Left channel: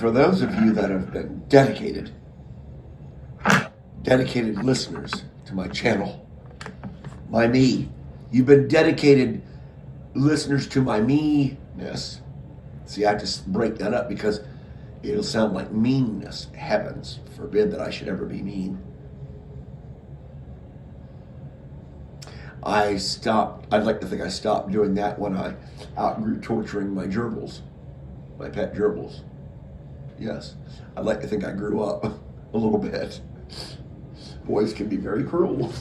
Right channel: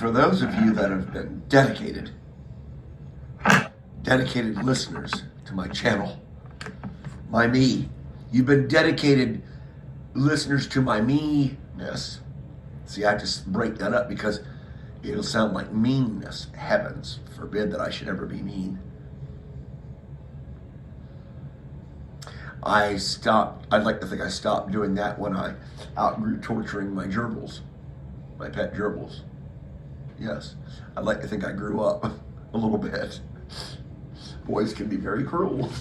For those of you that have been dedicated listeners to my channel, my me, you've been dedicated listeners to my me-ness. See, I just break that up because it'll sound like meanness. Heavens forbid that I should ever be mean. I'd like to think I stopped doing that when I outgrew torturing my gerbils, my pet gerbils. Yes, I'd like to think I grew up a little bit. Boys can be very cruel.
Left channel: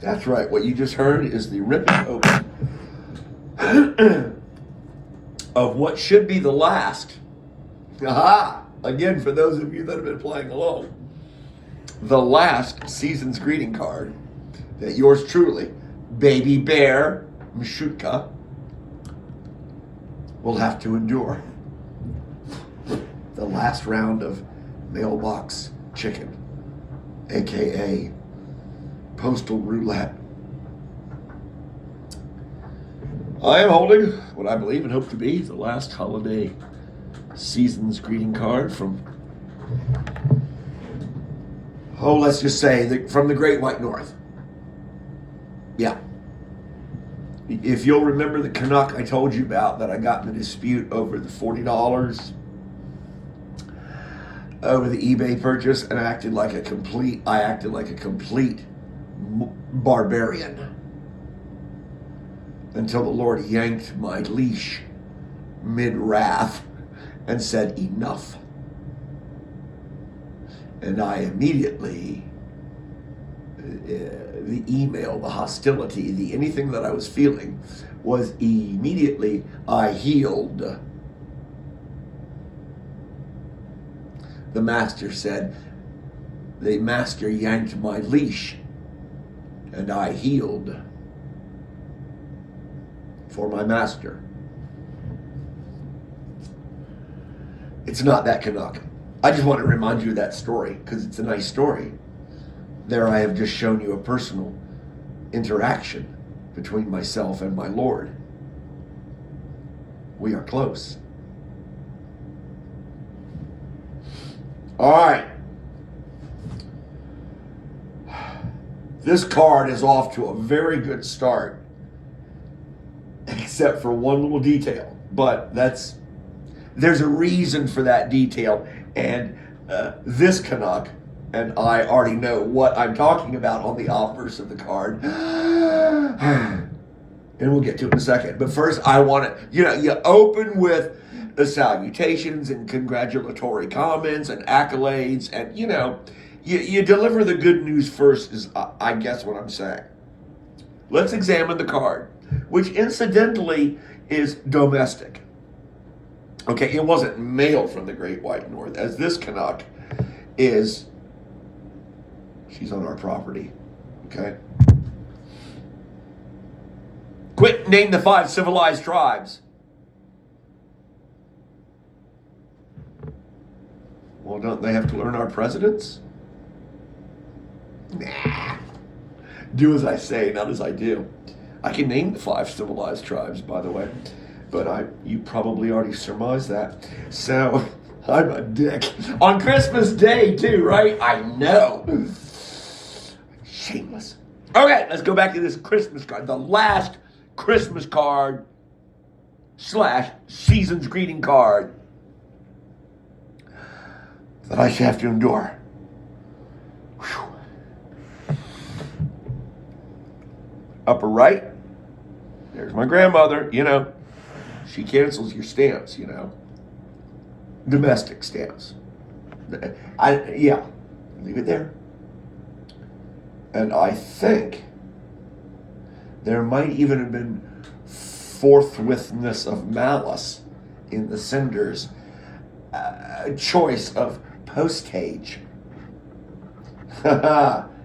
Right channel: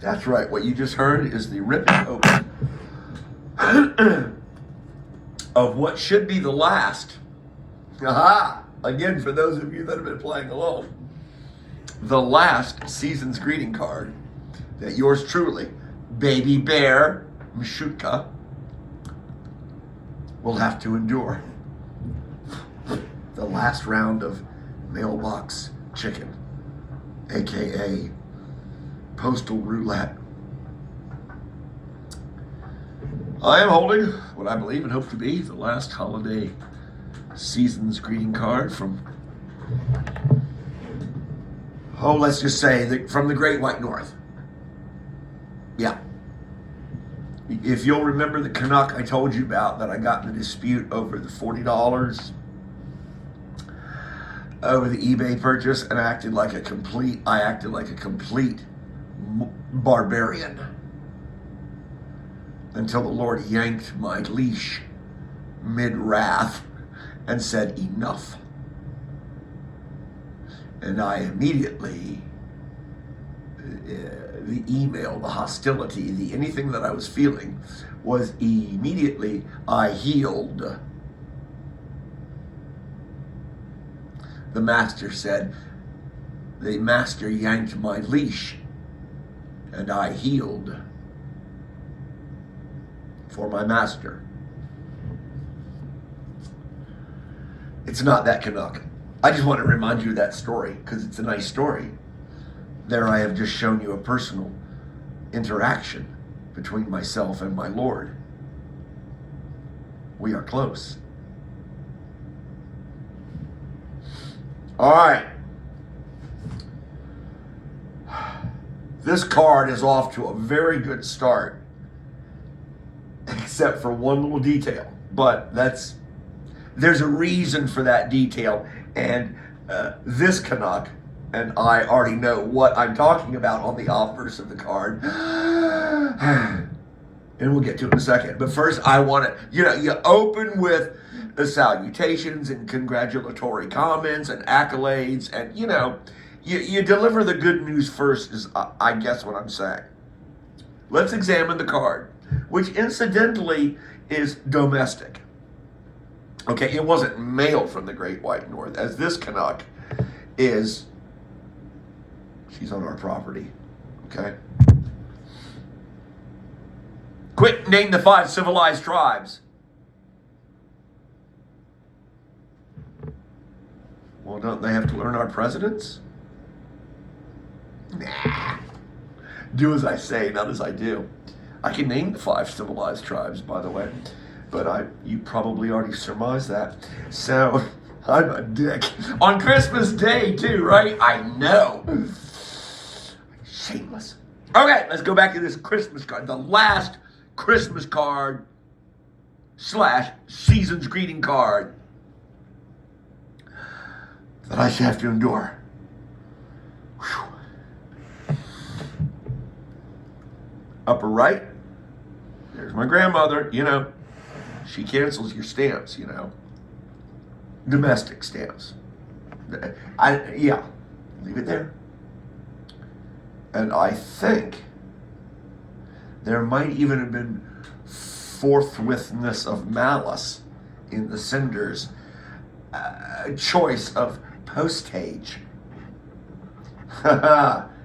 That's right, what you just heard is the ripping open of what should be the last. Aha! Again, for those of you that have been playing along, the last season's greeting card that yours truly, Baby Bear Mishutka, will have to endure. The last round of mailbox chicken, aka postal roulette. I am holding what I believe and hope to be the last holiday season's greeting card from, let's just say from the Great White North. Yeah. If you'll remember the Canuck I told you about that I got in a dispute over the $40 over the eBay purchase, and I acted like a complete barbarian until the Lord yanked my leash mid-wrath and said, enough. And I immediately, the email, the hostility, anything that I was feeling was immediately, I healed. The master said, the master yanked my leash and I healed for my master. It's not that Canuck. I just want to remind you of that story because it's a nice story. There I have just shown you a personal interaction between myself and my Lord. We are close. All right. This card is off to a very good start, except for one little detail. But there's a reason for that detail, and this Canuck and I already know what I'm talking about on the obverse of the card. And we'll get to it in a second. But first, I want to, you open with the salutations and congratulatory comments and accolades, and you deliver the good news first is, I guess, what I'm saying. Let's examine the card, which incidentally is domestic. Okay, it wasn't mail from the Great White North, as this Canuck is, she's on our property, okay? Quick, name the 5 civilized tribes. Well, don't they have to learn our presidents? Nah. Do as I say, not as I do. I can name the 5 civilized tribes, by the way, but you probably already surmised that. So, I'm a dick. On Christmas Day, too, right? I know. Shameless. Okay, let's go back to this Christmas card. The last Christmas card / season's greeting card that I should have to endure. Whew. Upper right, there's my grandmother, she cancels your stamps, domestic stamps. Leave it there. And I think there might even have been forthwithness of malice in the sender's choice of postage.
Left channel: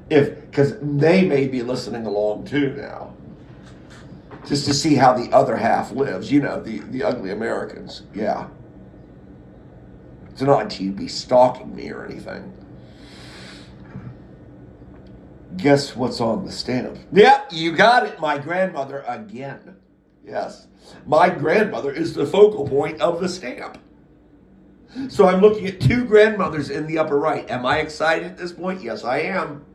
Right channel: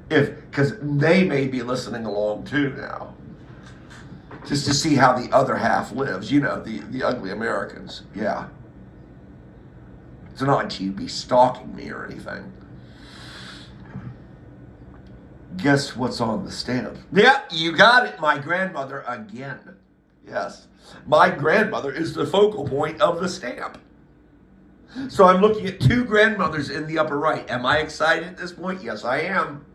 Because they may be listening along too now, just to see how the other half lives. The ugly Americans. Yeah. It's not like you'd be stalking me or anything. Guess what's on the stamp? Yeah, you got it. My grandmother again. Yes. My grandmother is the focal point of the stamp. So I'm looking at two grandmothers in the upper right. Am I excited at this point? Yes, I am.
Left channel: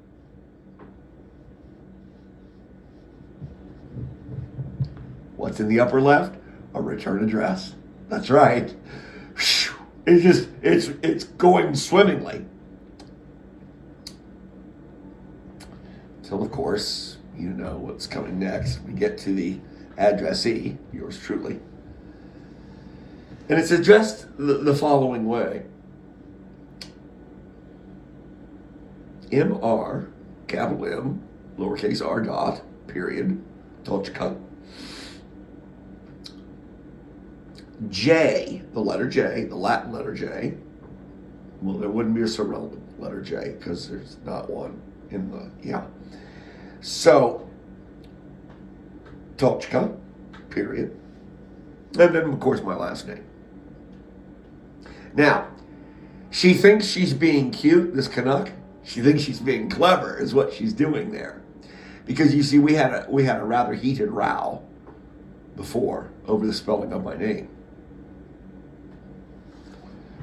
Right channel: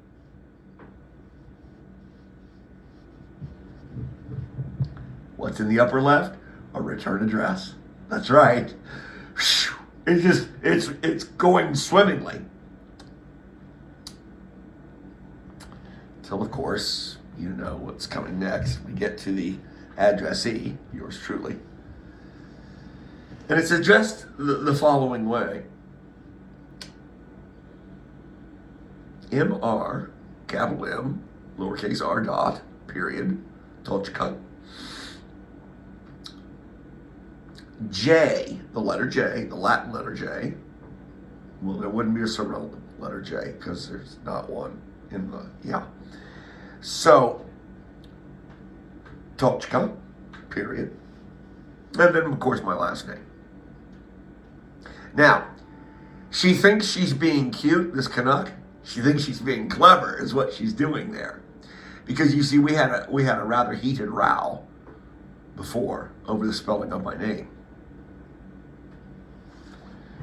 What's in the upper left? A return address. That's right. It's going swimmingly. Till, of course, you know what's coming next. We get to the addressee, yours truly. And it's addressed the following way. M.R., capital M, lowercase r dot, period, Tolchka. J, the letter J, the Latin letter J. Well, there wouldn't be a Cyrillic letter J because there's not one in the, yeah. So, Tolchka, period. And then, of course, my last name. Now, she thinks she's being cute, this Canuck. She thinks she's being clever, is what she's doing there. Because you see, we had a rather heated row before over the spelling of my name.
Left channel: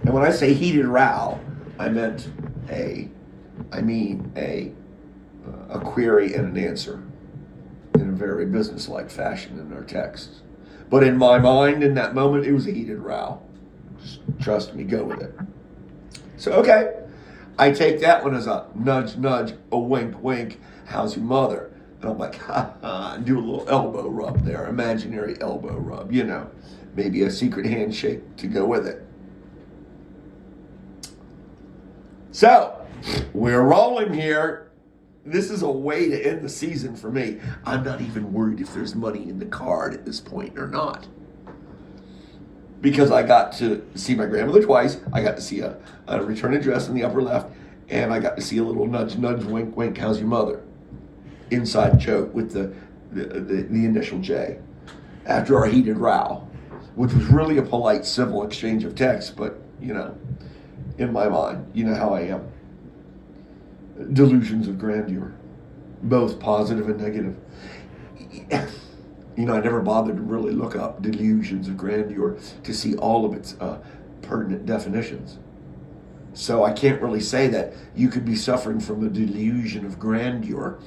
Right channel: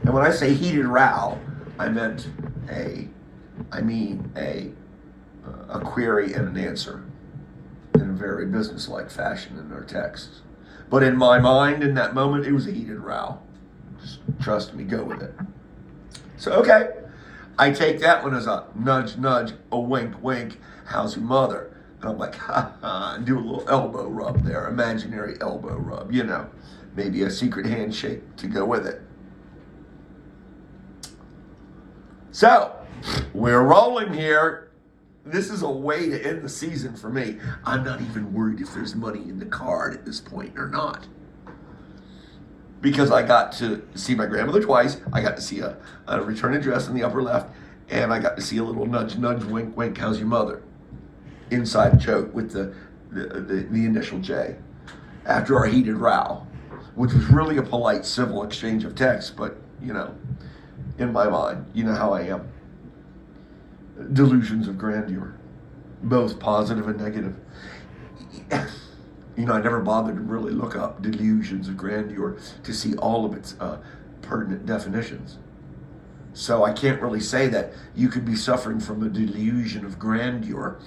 And when I say heated row, I mean a query and an answer in a very businesslike fashion in our texts. But in my mind, in that moment, it was a heated row. Just trust me, go with it. So, okay, I take that one as a nudge, nudge, a wink, wink, how's your mother? And I'm like, ha ha, and do a little elbow rub there, imaginary elbow rub, you know, maybe a secret handshake to go with it. So, we're rolling here. This is a way to end the season for me. I'm not even worried if there's money in the card at this point or not. Because I got to see my grandmother twice. I got to see a return address in the upper left. And I got to see a little nudge, nudge, wink, wink, how's your mother? Inside joke with the initial J. After our heated row. Which was really a polite, civil exchange of text. But, you know, in my mind, you know how I am. Delusions of grandeur, both positive and negative. You know, I never bothered to really look up delusions of grandeur to see all of its pertinent definitions. So I can't really say that you could be suffering from a delusion of grandeur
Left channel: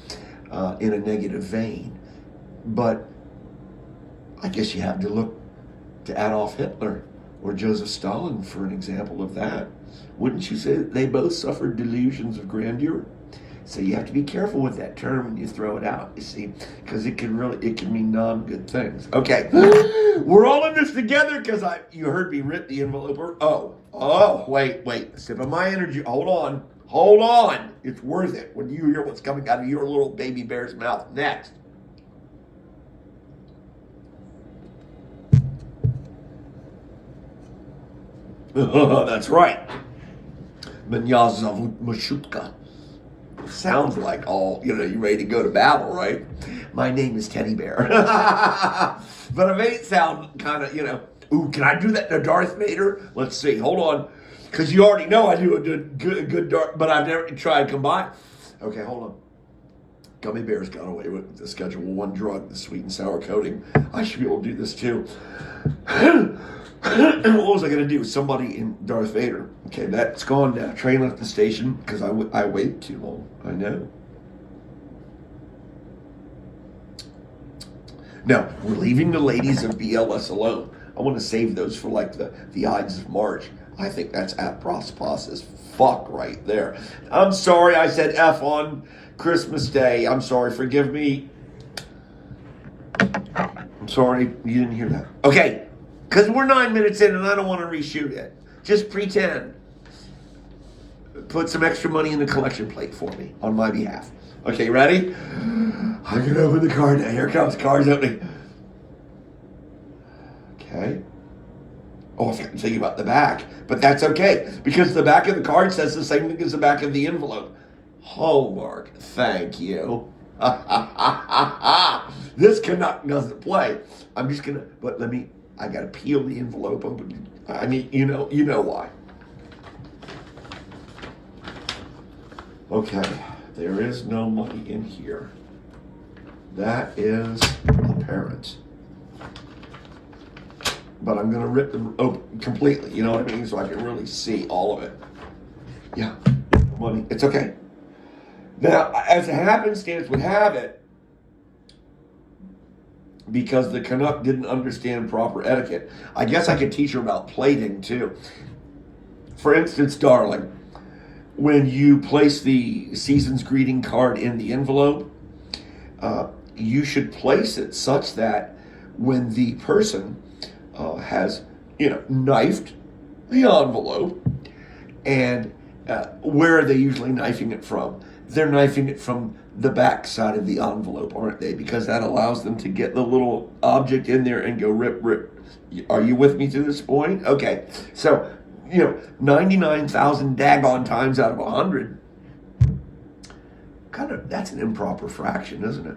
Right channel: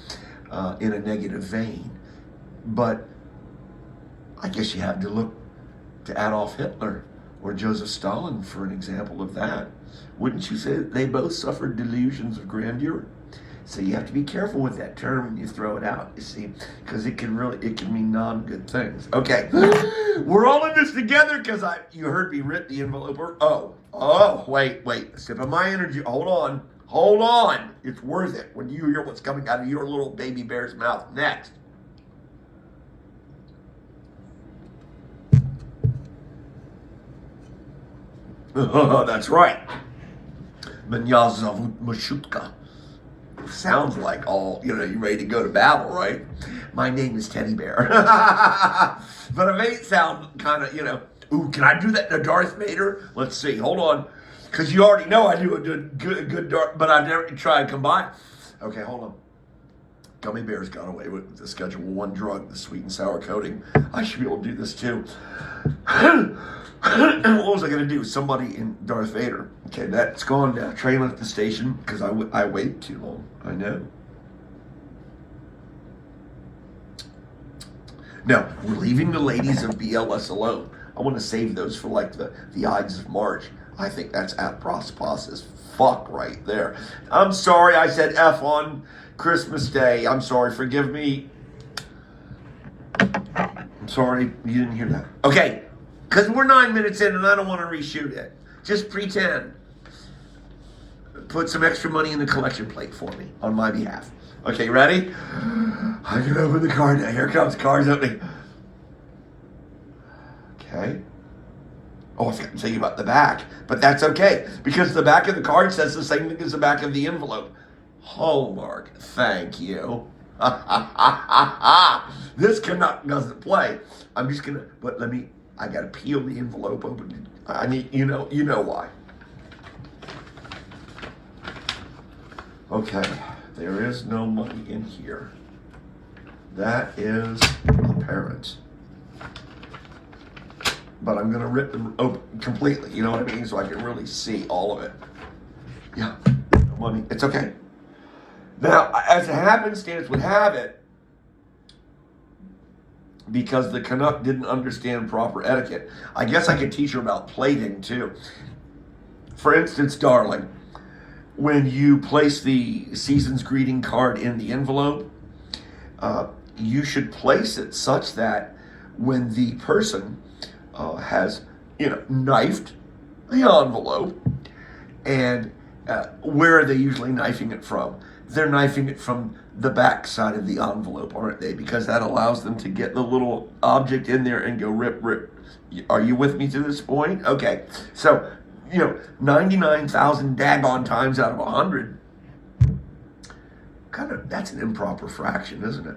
in a negative vein. But I guess you have to look to Adolf Hitler or Joseph Stalin for an example of that. Wouldn't you say that they both suffered delusions of grandeur? So you have to be careful with that term when you throw it out, you see, because it can mean non-good things. Okay, we're all in this together because you heard me rip the envelope. Wait, sip of my energy. Hold on. It's worth it when you hear what's coming out of your little baby bear's mouth next. That's right. Mashutka. Sounds like all, you know, you're ready to go to battle, right? My name is Teddy Bear. But it may sound kind of, you know, ooh, can I do that to Darth Vader? Let's see, hold on. Because you already know I do a good Darth, but I've never tried to combine. Okay, hold on. Gummy bears got away with the Schedule 1 drug, the sweet and sour coating. I should be able to do this too. What was I going to do? Somebody in Darth Vader. Okay, that's gone now. Train left the station because I waited too long. I know. Now, we're leaving the ladies of BLS alone. I want to save those for like the Ides of March. I think that's apropos as fuck right there. I'm sorry I said F on Christmas Day. I'm sorry. Forgive me. I'm sorry you didn't hear that. Okay. Because we're 9 minutes in and I don't want to reshoot it. Just pretend. Put some extra money in the collection plate for me on my behalf. Okay, ready? I'm going to open the card now. Here comes card's opening. Okay. Oh, I forgot to tell you about the back. But that's okay. Because the back of the card says the same thing as the back of the envelope. Hallmark. Thank you. This Canuck doesn't play. I'm just going to, but I got to peel the envelope. I need, you know why. Okay, there is no money in here. That is apparent. but I'm going to rip them open completely, you know what I mean? So I can really see all of it. Yeah, money, it's okay. Now, as a happenstance would have it, because the Canuck didn't understand proper etiquette, I guess I could teach her about plating too. For instance, darling, when you place the season's greeting card in the envelope, you should place it such that when the person has, knifed the envelope, and where are they usually knifing it from? They're knifing it from the back side of the envelope, aren't they? Because that allows them to get the little object in there and go rip, rip. Are you with me to this point? Okay. So, 99,000 daggone times out of 100, that's an improper fraction, isn't it?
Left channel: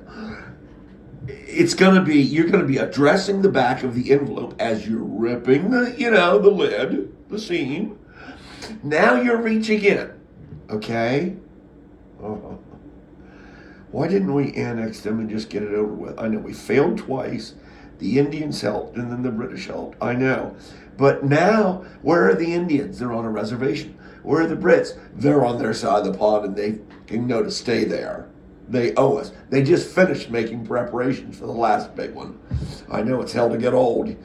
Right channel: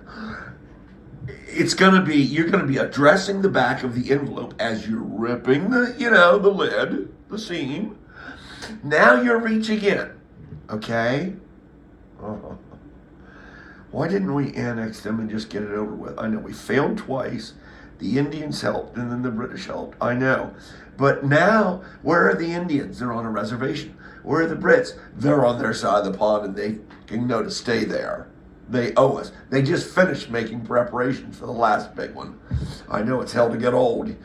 You're going to be addressing the back of the envelope as you're ripping the lid, the seam. Now you're reaching in, okay? Why didn't we annex them and just get it over with? I know we failed twice. The Indians helped, and then the British helped. I know. But now, where are the Indians? They're on a reservation. Where are the Brits? They're on their side of the pond, and they can know to stay there. They owe us. They just finished making preparations for the last big one. I know it's hell to get old.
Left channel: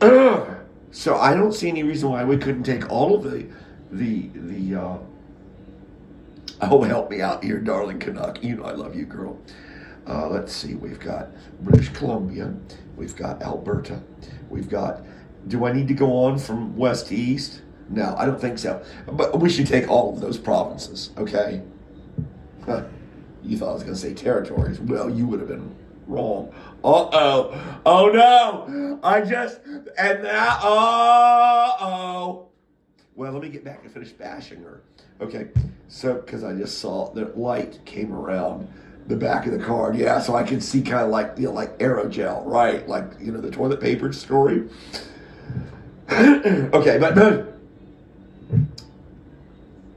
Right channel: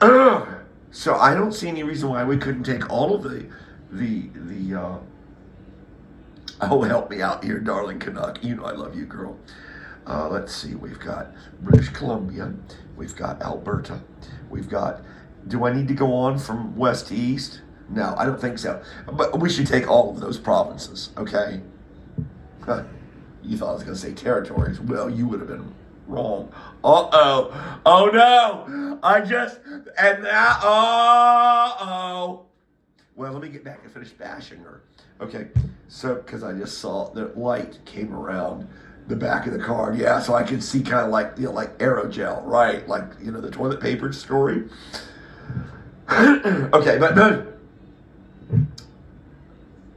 So I don't see any reason why we couldn't take all of oh, help me out here, darling Canuck. You know I love you, girl. Let's see. We've got British Columbia. We've got Alberta. We've got... Do I need to go on from west to east? No, I don't think so. But we should take all of those provinces, okay? You thought I was going to say territories. Well, you would have been wrong. Uh-oh. Oh, no. Uh-oh. Well, let me get back and finish bashing her. Okay, so, because I just saw the light came around the back of the card. Yeah, so I could see kind of like, like aerogel, right? Like, the toilet paper story. Okay, but no.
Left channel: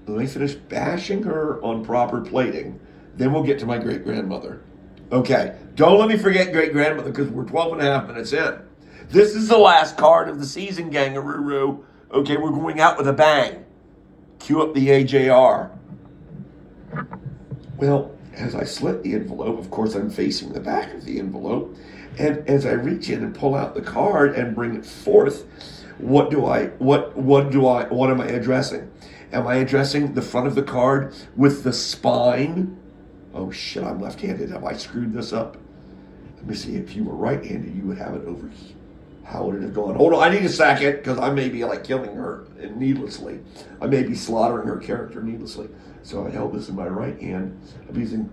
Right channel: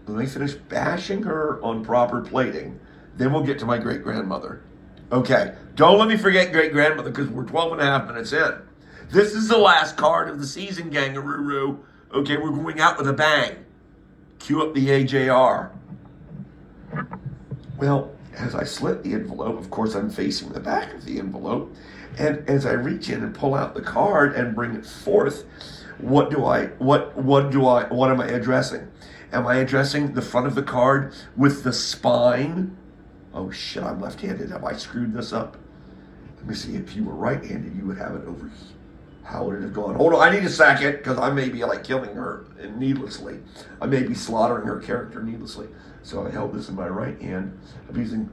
Let me finish bashing her on proper plating. Then we'll get to my great-grandmother. Okay, don't let me forget great-grandmother because we're 12 and a half minutes in. This is the last card of the season, gangaroo. Okay, we're going out with a bang. Cue up the AJR. Well, as I slit the envelope, of course I'm facing the back of the envelope, and as I reach in and pull out the card and bring it forth, what am I addressing? Am I addressing the front of the card with the spine? Oh shit, I'm left-handed. Have I screwed this up? Let me see. If you were right-handed, you would have it over here. How would it have gone? Hold on, I need a second, because I may be killing her needlessly. I may be slaughtering her character needlessly. So I held this in my right hand. I'm using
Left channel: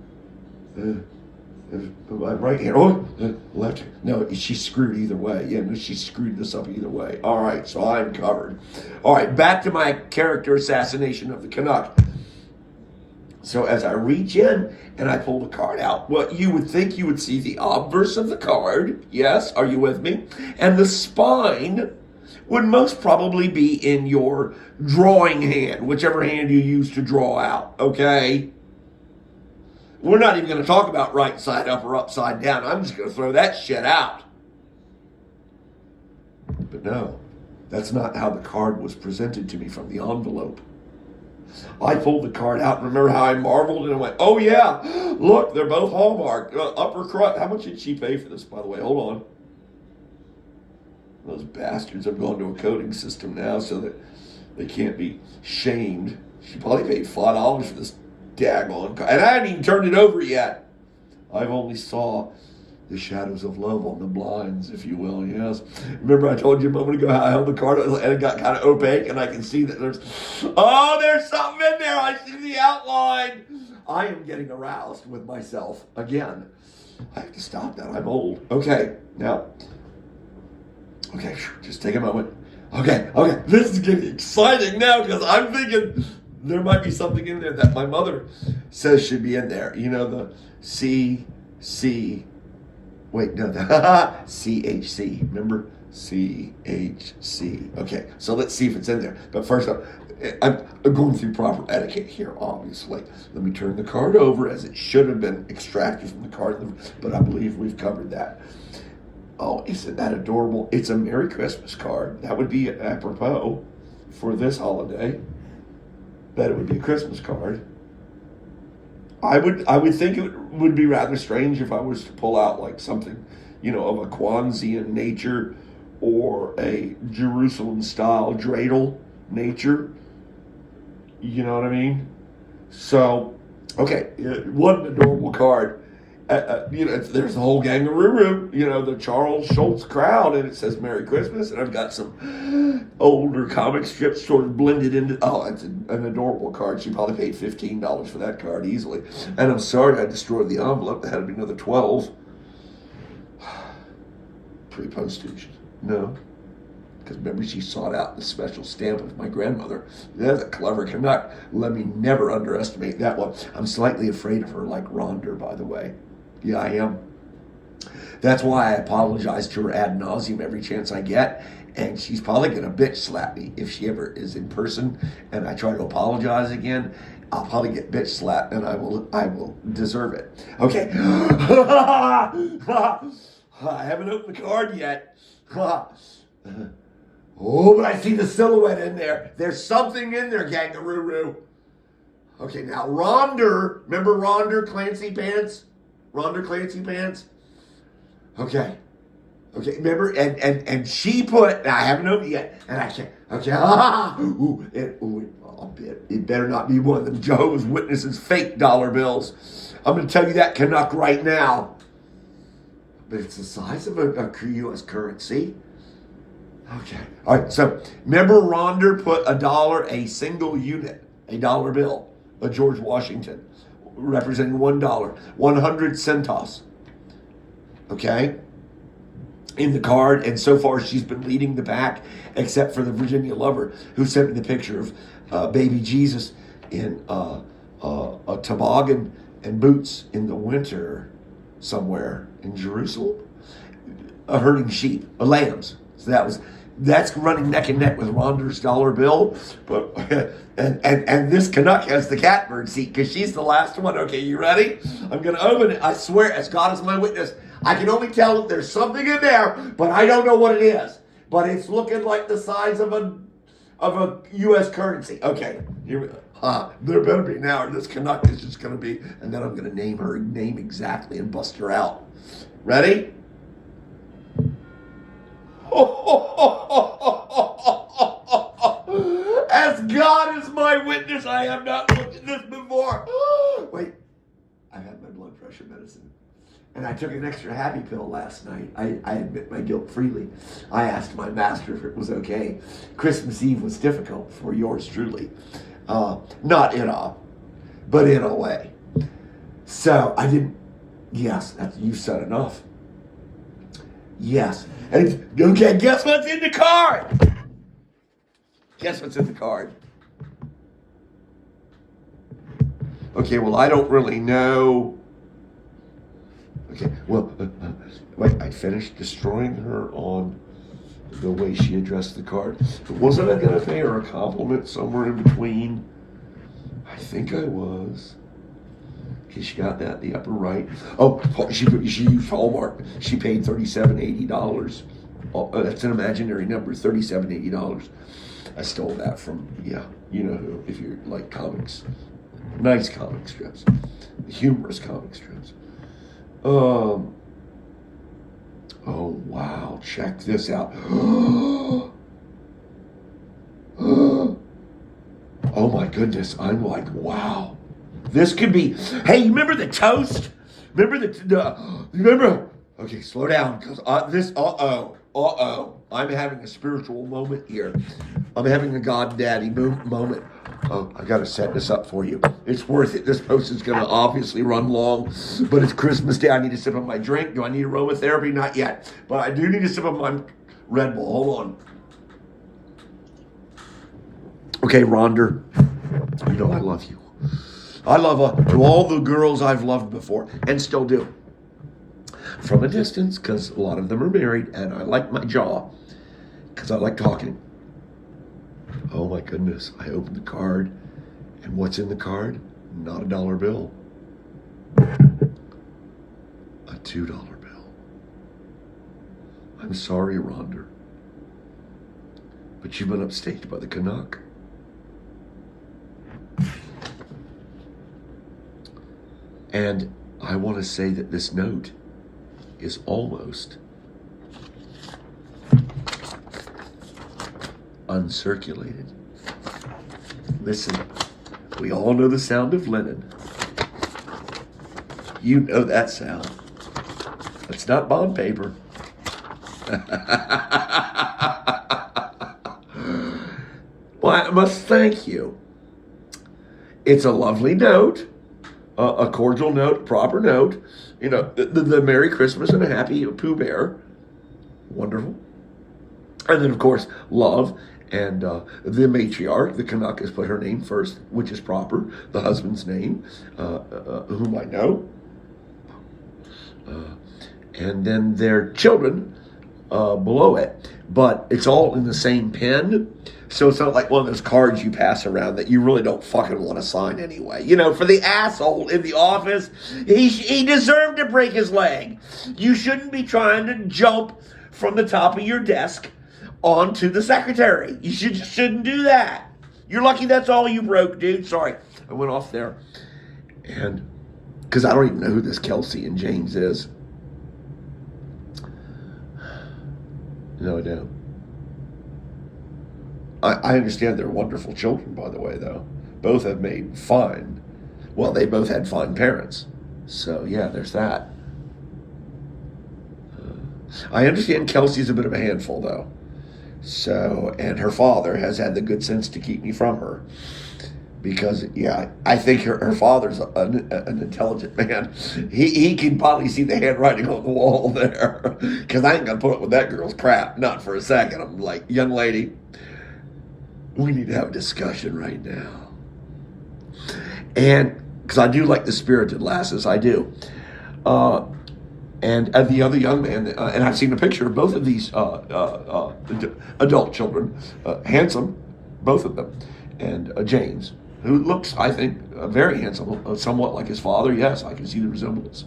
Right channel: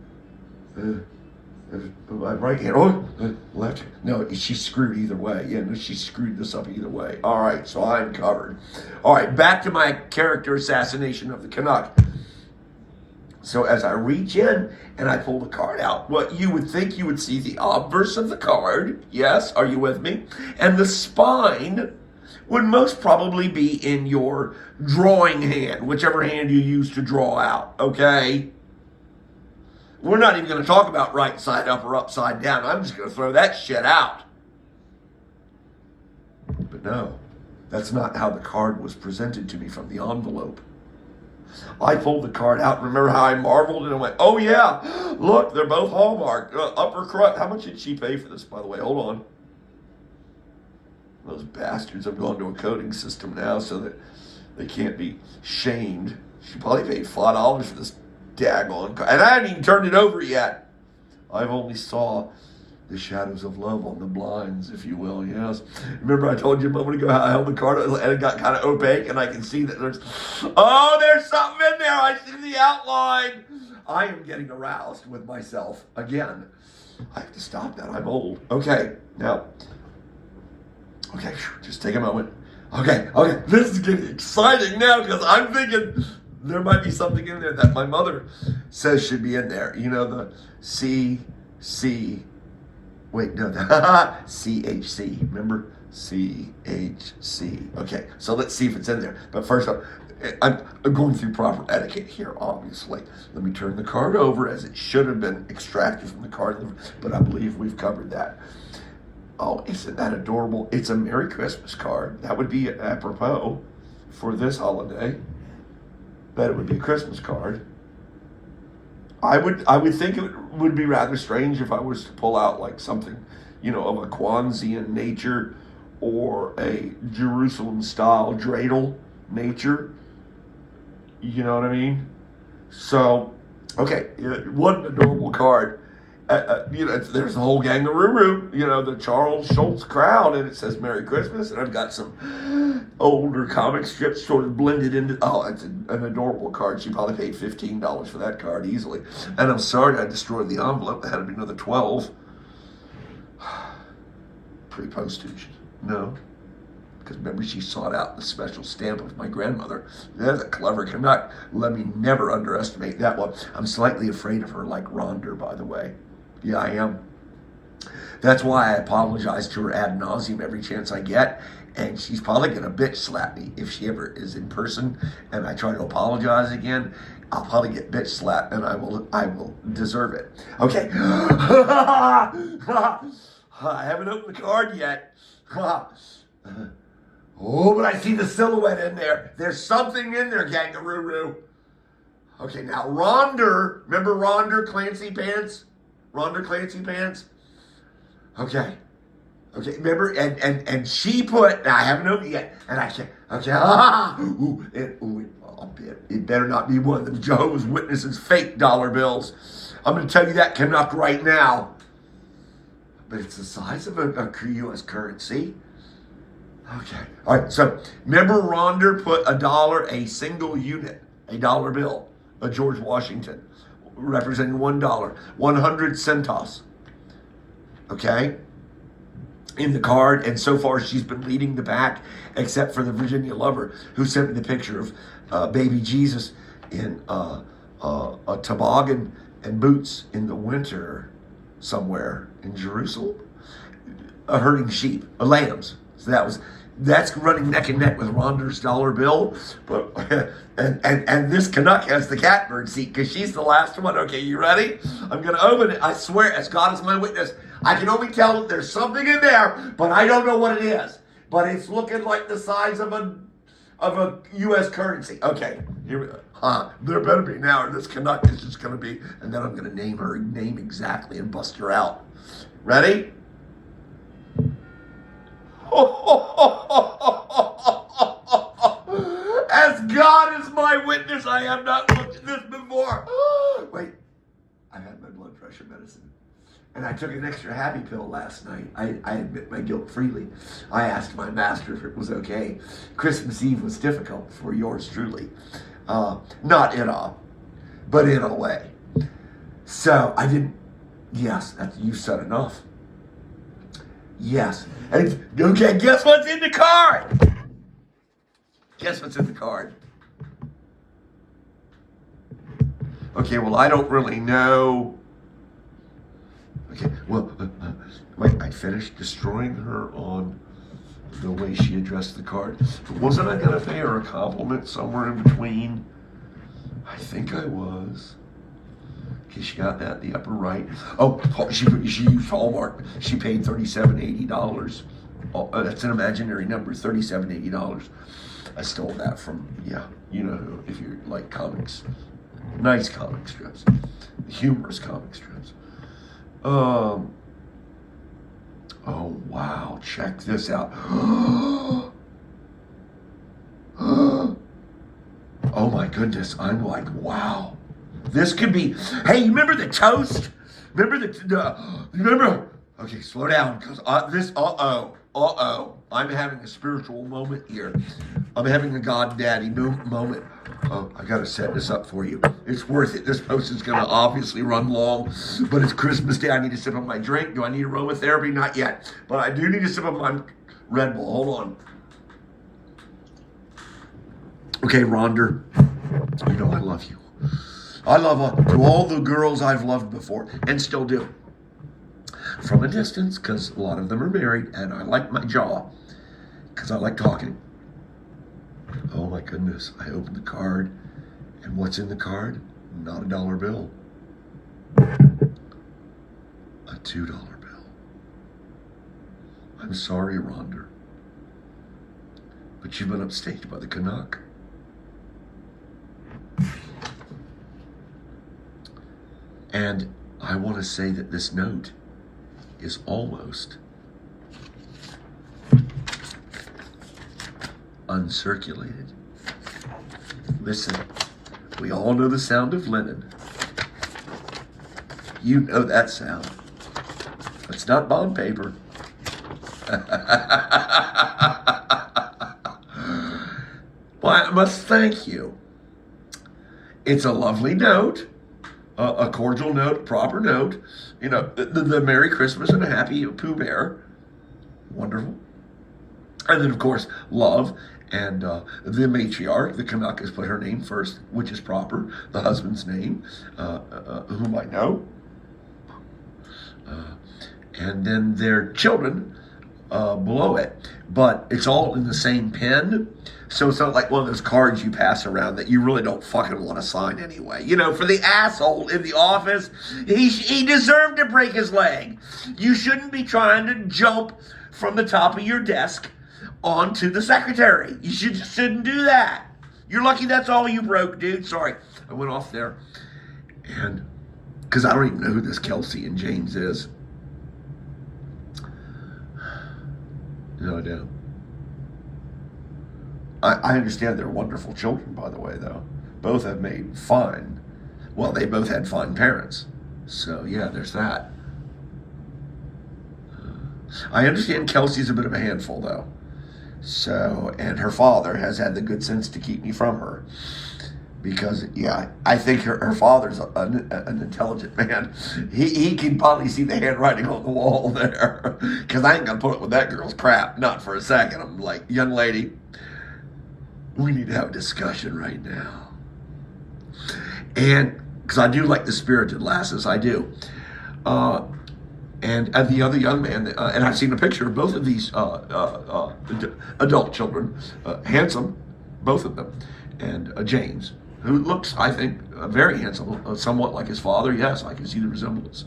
my right hand. Oh, left. No, she's screwed either way. Yeah, no, she screwed this up either way. All right, so I'm covered. All right, back to my character assassination of the Canuck. So as I reach in and I pull the card out, what you would think you would see the obverse of the card. Yes, are you with me? And the spine would most probably be in your drawing hand, whichever hand you use to draw out, okay? We're not even going to talk about right side up or upside down. I'm just going to throw that shit out. But no, that's not how the card was presented to me from the envelope. I pulled the card out. Remember how I marveled and I went, oh yeah, look, they're both hallmarked. Upper crust. How much did she pay for this, by the way? Hold on. Those bastards have gone to a coding system now so that they can't be shamed. She probably paid $5 for this daggone card. And I haven't even turned it over yet. I've only saw the shadows of love on the blinds, if you will, yes. Remember I told you a moment ago how I held the card and it got kind of opaque and I can see that there's something in there. I see the outline. I am getting aroused with myself again. I have to stop that. I'm old. Okay, now. Okay, just take a moment. Okay. This is getting exciting now because I'm thinking there might be something in there that my mother says should be in there. The CHC, remember? CHC. Okay, so let's see if it's in there. But first off, I'm going through proper etiquette here, obviously. Let me turn the card over as it should have been extracted from the card, but I believe we've covered that. Oh, isn't that adorable? It's a Merry Christmas card. That would be apropos for this holiday. That it would be a Christmas card. I would think it would be rather strange if I was to pull out like something, of a Kwanzaa nature or a Jerusalem style dreidel nature. You know what I mean? So, okay, what an adorable card. There's the whole gangaroo, the Charles Schultz crowd, and it says Merry Christmas, and I've got some older comic strips sort of blended into, it's an adorable card. She probably paid $15 for that card easily. And I'm sorry I destroyed the envelope. That had to be another 12. Pre-postage. No. Because remember, she sought out the special stamp of my grandmother. That's a clever Canuck. Let me never underestimate that one. I'm slightly afraid of her, like Rhonda, by the way. Yeah, I am. That's why I apologize to her ad nauseum every chance I get. And she's probably going to bitch slap me if she ever is in person and I try to apologize again. I'll probably get bitch slapped and I will deserve it. Okay. I haven't opened the card yet. Oh, but I see the silhouette in there. There's something in there, Gangaroo. Okay, now Rhonda, remember Rhonda Clancy Pants? Rhonda Clancy Pants? Okay, remember, and she put, I haven't opened it yet, and I said, it better not be one of them Jehovah's Witnesses fake dollar bills. I'm going to tell you that Canuck right now. But it's the size of a U.S. currency. Okay. All right. So remember, Rhonda put a single unit, a dollar bill, a George Washington, representing $1, 100 centos. Okay. In the card, and so far she's been leading the pack, except for the Virginia lover who sent me the picture of baby Jesus in a toboggan and boots in the winter somewhere in Jerusalem, herding sheep, lambs. So that's running neck and neck with Rhonda's dollar bill. But and this Canuck has the catbird seat because she's the last one. Okay, you ready? I'm gonna open it. I swear, as God is my witness, I can only tell that there's something in there, but I don't know what it is. But it's looking like the size of a U.S. currency. Okay, here we go. There better be now, or this Canuck is just gonna be, and then I'm gonna name her name exactly and bust her out. Ready? As God is my witness, I have not looked at this before. Wait, I had my blood pressure medicine. And I took an extra happy pill last night. I admit my guilt freely. I asked my master if it was okay. Christmas Eve was difficult for yours truly. Not in a, but in a way. So I didn't, yes, you said enough. Yes. And okay, guess what's in the card? Guess what's in the card? Okay, well, I don't really know. Okay, well, wait, I finished destroying her on the way she addressed the card. Wasn't I going to pay her a compliment somewhere in between? I think I was. Okay, she got that in the upper right. Oh, she used Hallmark. She paid $37.80. Oh, that's an imaginary number, $37.80. I stole that from, if you like comics. Nice comic strips. Humorous comic strips. Oh, wow. Check this out. Oh, my goodness. I'm like, wow. This could be, hey, you remember the toast? Remember? Okay, slow down, because I'm having a spiritual moment here. I'm having a God Daddy moment. Oh, I got to set this up for you. It's worth it. This post is going to obviously run long, but it's Christmas Day. I need to sip on my drink. Do I need aromatherapy? Not yet. But I do need to sip on my Red Bull. Hold on. Okay, Rhonda, I love you. I love to all the girls I've loved before and still do. From a distance, because a lot of them are married, and I like my jaw, because I like talking. Oh my goodness, I opened the card, and what's in the card? Not a dollar bill. A $2 bill. I'm sorry, Rhonda, but you've been upstaged by the Canuck. And I want to say that this note is almost uncirculated. Listen, we all know the sound of linen. You know that sound. It's not bond paper. Well, I must thank you. It's a lovely note, a cordial note, proper note. You know, the Merry Christmas and a Happy Pooh Bear. Wonderful. And then, of course, love. And the matriarch, the Canuck, has put her name first, which is proper. The husband's name, whom I know. And then their children below it. But it's all in the same pen. So it's not like one of those cards you pass around that you really don't fucking want to sign anyway. You know, for the asshole in the office, he deserved to break his leg. You shouldn't be trying to jump from the top of your desk onto the secretary. You shouldn't do that. You're lucky that's all you broke, dude. Sorry, I went off there. And because I don't even know who this Kelsey and James is. No, I don't. I understand they're wonderful children, by the way, though. Both have made fine. Well, they both had fine parents. So, yeah, there's that. I understand Kelsey's a bit of a handful, though. So, and her father has had the good sense to keep me from her. Because, yeah, I think her father's an intelligent man. He can probably see the handwriting on the wall there. Because I ain't going to put up with that girl's crap. Not for a second. I'm like, young lady, we need to have a discussion right now. And, because I do like the spirited lasses, I do. And the other young man, and I've seen a picture of both of these adult children, handsome, both of them, and James, who looks, I think, very handsome, somewhat like his father. Yes, I can see the resemblance.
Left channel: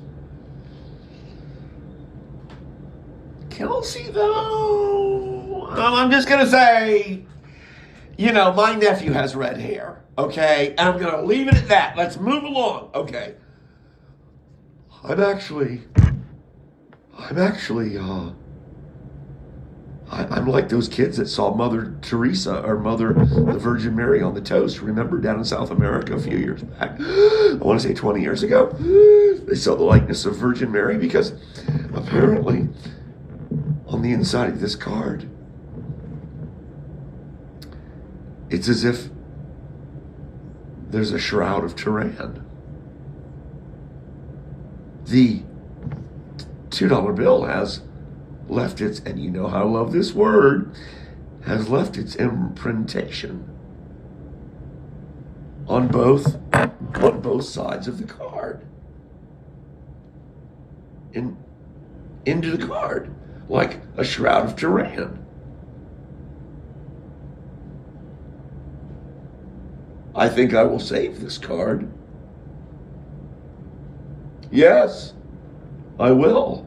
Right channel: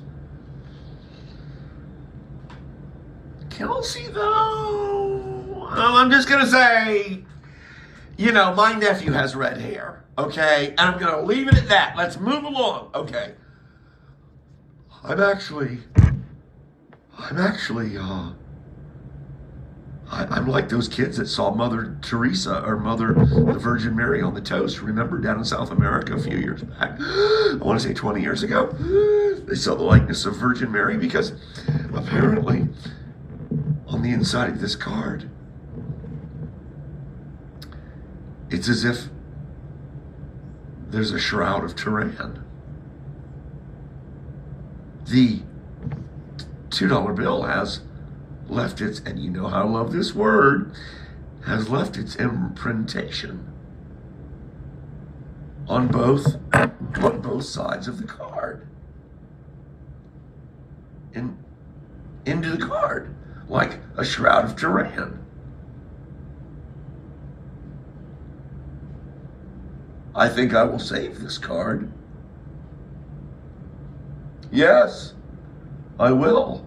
Kelsey, though, I'm just going to say, you know, my nephew has red hair, okay? And I'm going to leave it at that. Let's move along, okay? I'm like those kids that saw Mother Teresa or Mother the Virgin Mary on the toast. Remember, down in South America a few years back? I want to say 20 years ago. They saw the likeness of Virgin Mary because apparently on the inside of this card, it's as if there's a Shroud of Turin. The $2 bill has left its, and you know how I love this word, has left its imprintation on both sides of the card. Into the card, like a Shroud of Turin. I think I will save this card. Yes, I will.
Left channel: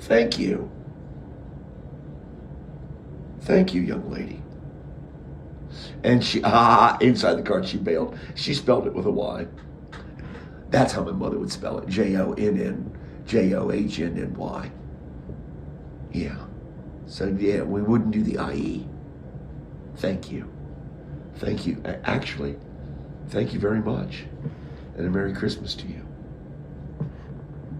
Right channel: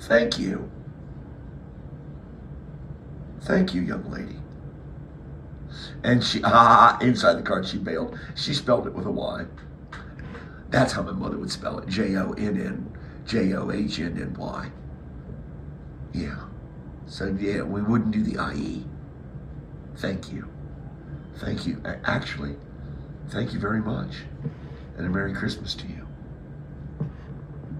Thank you. Thank you, young lady. And she, inside the card she bailed. She spelled it with a Y. That's how my mother would spell it. Johnnjohnny. Yeah. So, yeah, we wouldn't do the IE. Thank you. Thank you. Actually, thank you very much. And a Merry Christmas to you.